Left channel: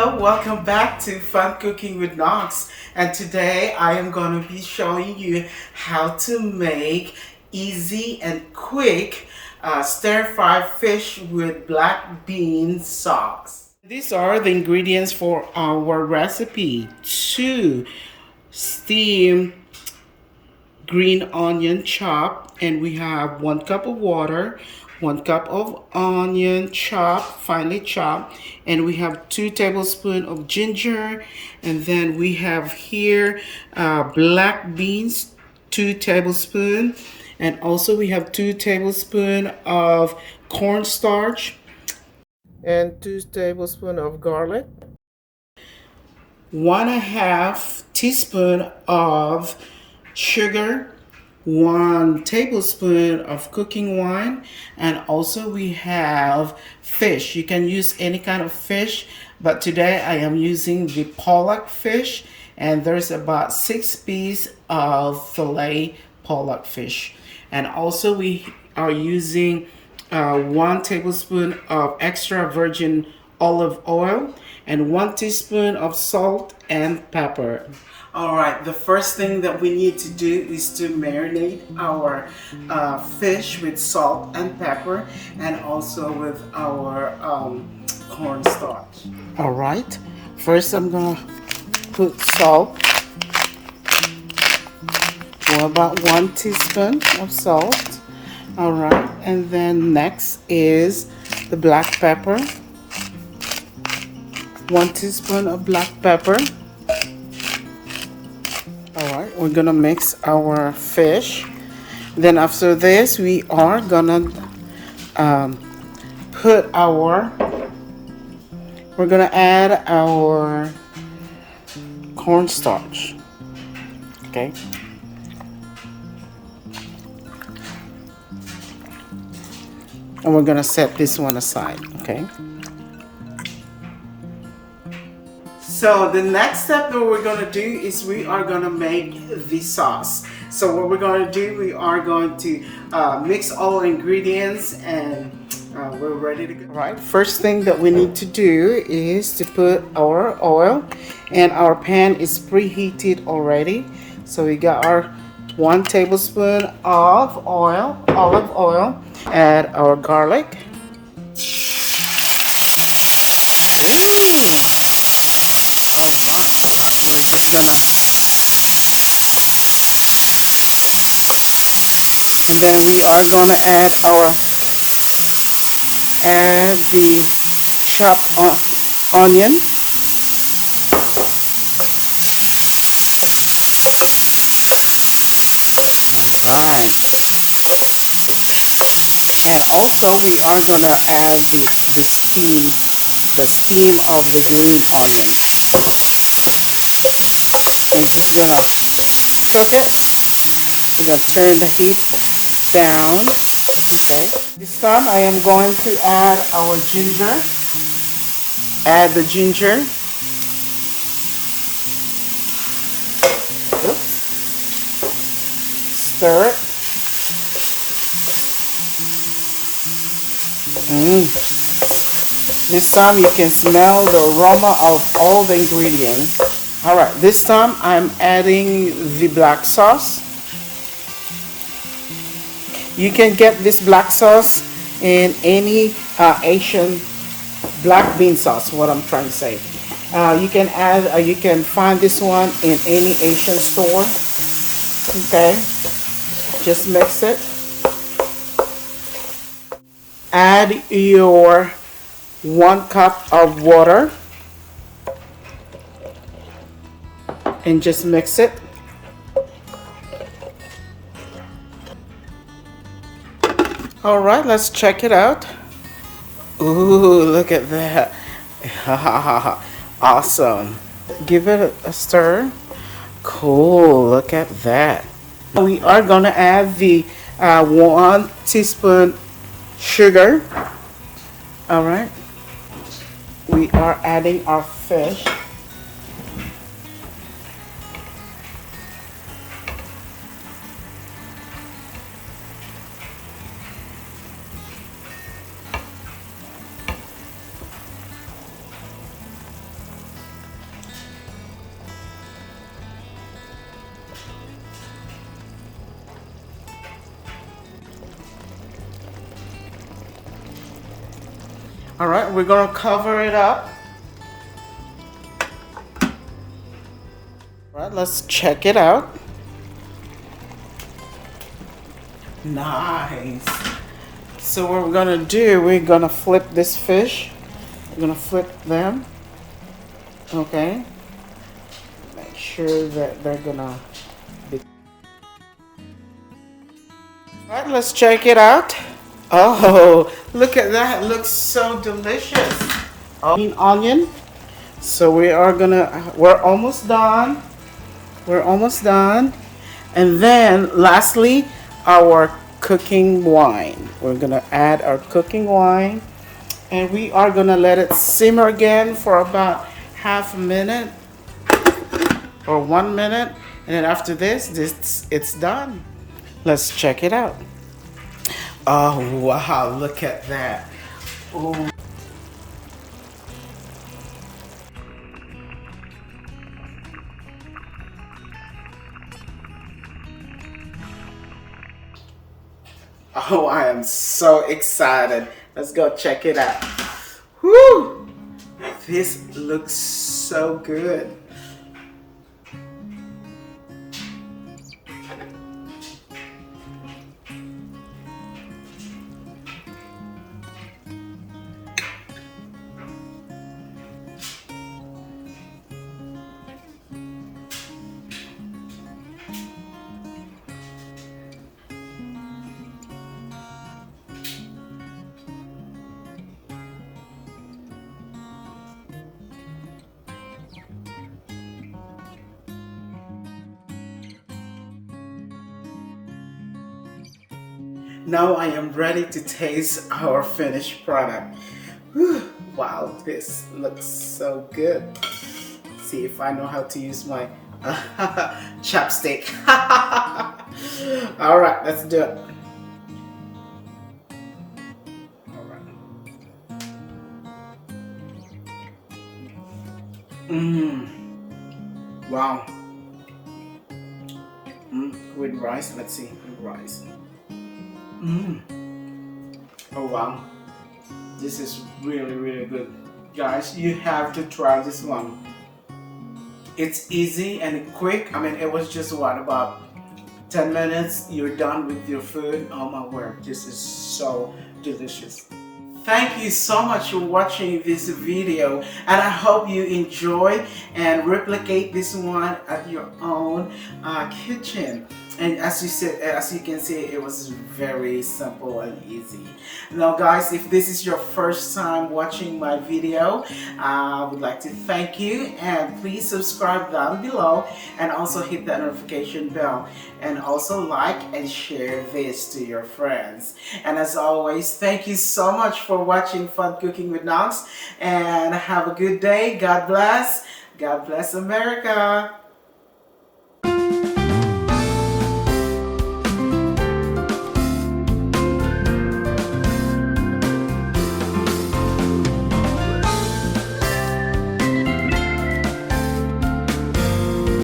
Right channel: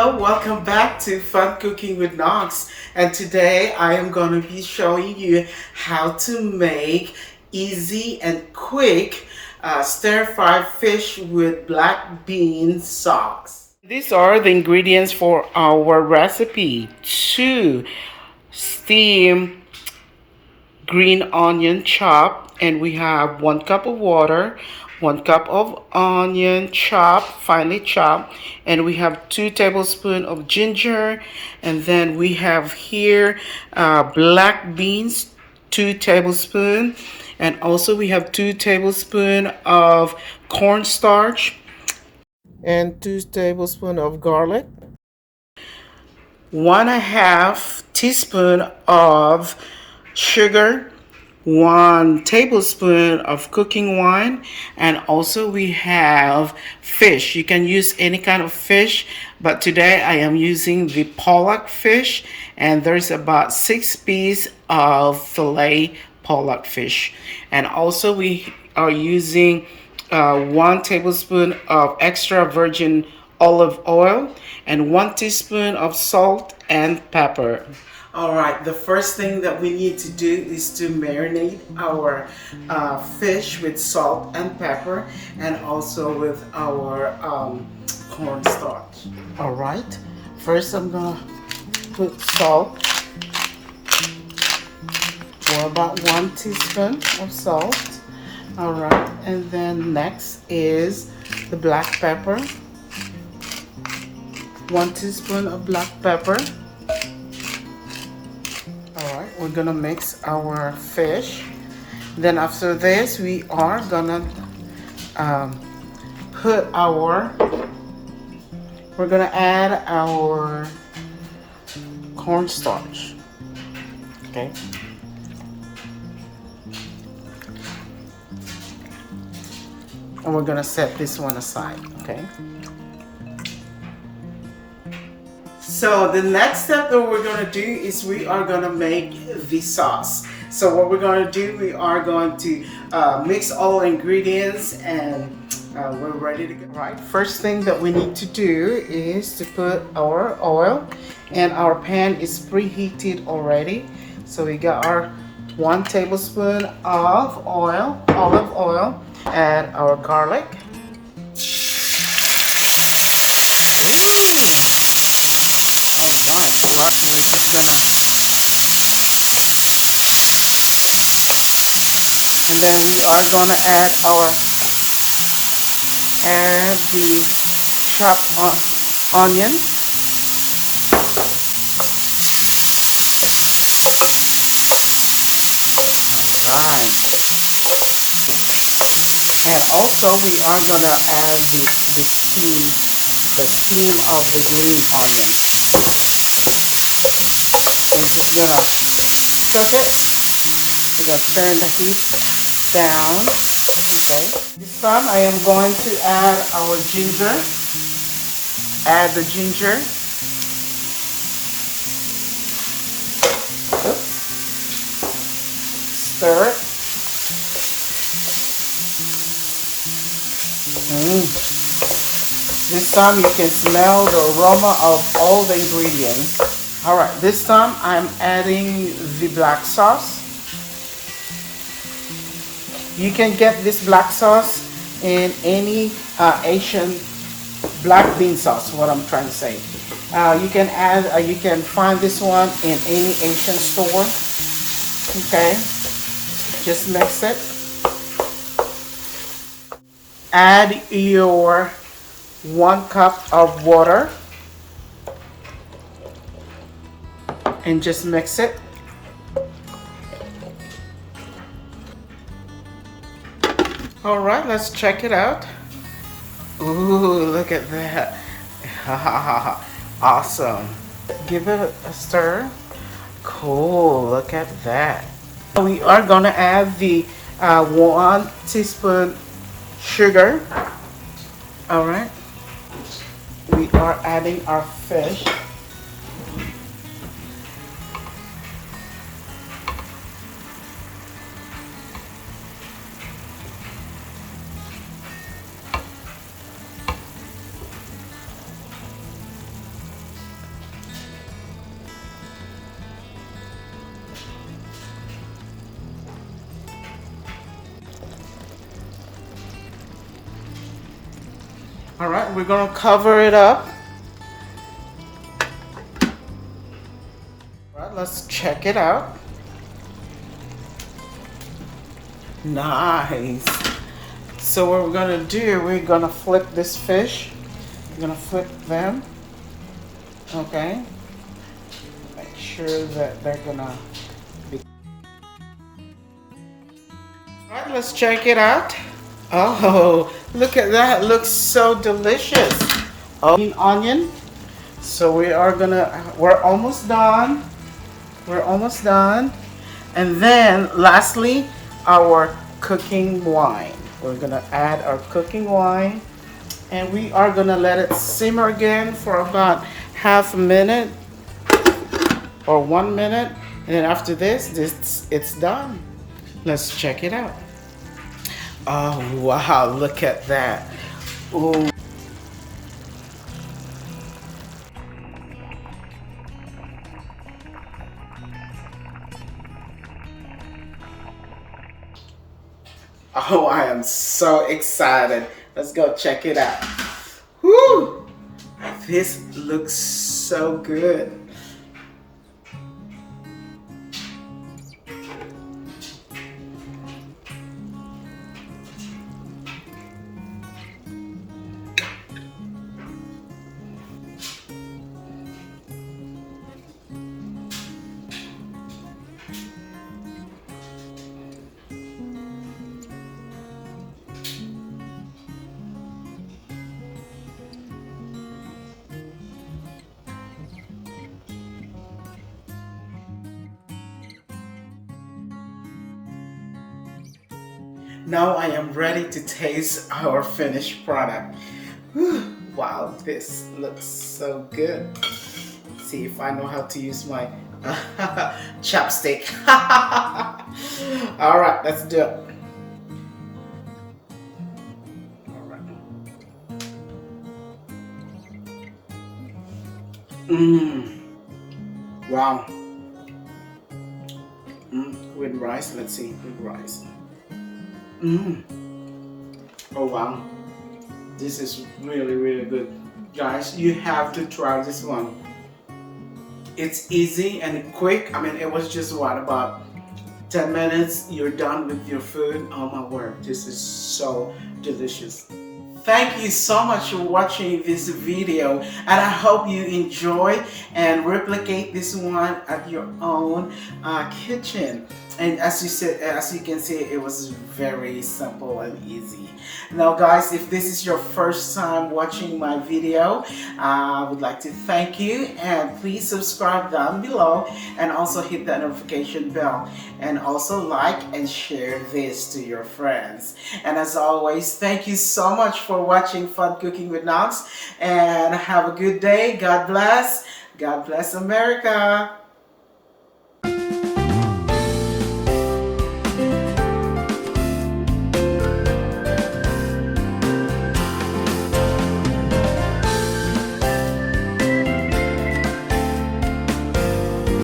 Hello, welcome back to Fun Cooking with Knox. And today I am going to be showing you how to make easy and quick stir-fry fish with black bean sauce. These are the ingredients for our recipe. 2 steam green onion chopped, and we have 1 cup of water, 1 cup of onion chopped, finely chopped, and we have 2 tablespoons of ginger, and then we have here black beans, 2 tablespoons, and also we have 2 tablespoons of cornstarch and 2 tablespoons of garlic, 1/2 teaspoon of sugar, 1 tablespoon of cooking wine, and also we have fish. You can use any kind of fish, but today I am using the pollock fish, and there's about 6 pieces of fillet pollock fish. And also we are using 1 tablespoon of extra virgin olive oil and 1 teaspoon of salt and pepper. All right, the first thing that we need to do is to marinate our fish with salt and pepper, and also with our cornstarch. All right, first I'm gonna put salt, for about 1 teaspoon of salt. All right, and then next is the black pepper, 1 teaspoon of black pepper. Alright, we're gonna mix our fish. Then after this, we are gonna we're gonna add our cornstarch. Okay. And we're gonna set this one aside, okay? So the next step that we're going to do is we are going to make the sauce. So what we're going to do, we are going to mix all ingredients, and we're ready to go. Right. First thing that we need to do is to put our oil, and our pan is preheated already. So we got our 1 tablespoon of olive oil, add our garlic. Alright, we're just gonna, and then we are gonna add the chopped onion. Alright, and also we are gonna add the steam of the green onion. We're just gonna cook it. We're gonna turn the heat down. Okay. This time I am going to add our ginger. Add the ginger. Oops. Stir it. This time you can smell the aroma of all the ingredients. Alright, this time I'm adding the black sauce. You can get this black sauce in any Asian black bean sauce, what I'm trying to say. You can find this one in any Asian store. Okay, just mix it. Add your 1 cup of water and just mix it. All right, let's check it out. Ooh, look at that. Awesome. Give it a stir. Cool, look at that. We are gonna add the 1 teaspoon sugar. All right. We are adding our fish. All right, we're gonna cover it up. All right, let's check it out. Nice. So what we're gonna do, we're gonna flip this fish. We're gonna flip them. Okay. Make sure that they're gonna be. All right, let's check it out. Oh, look at that. It looks so delicious. Oh, green onion. So we're almost done. We're almost done. And then lastly, our cooking wine. We're gonna add our cooking wine and we are gonna let it simmer again for about half a minute or 1 minute. And then after this, it's done. Let's check it out. Oh wow, look at that. Ooh. Oh, I am so excited. Let's go check it out. Woo! This looks so good. Now I am ready to taste our finished product. Whew, wow, this looks so good. Let's see if I know how to use my chopstick. All right, let's do it. All right. Wow. With rice, let's see, with rice. Oh wow, this is really really good, guys. You have to try this one. It's easy and quick. I mean, it was just what, about 10 minutes, you're done with your food. Oh my word, this is so delicious. Thank you so much for watching this video, and I hope you enjoy and replicate this one at your own kitchen. And as you said, as you can see, it was very simple and easy. Now guys, if this is your first time watching my video, I would like to thank you, and please subscribe down below and also hit that notification bell, and also like and share this to your friends. And as always, thank you so much for watching Fun Cooking with Knox, and have a good day. God bless. God bless America.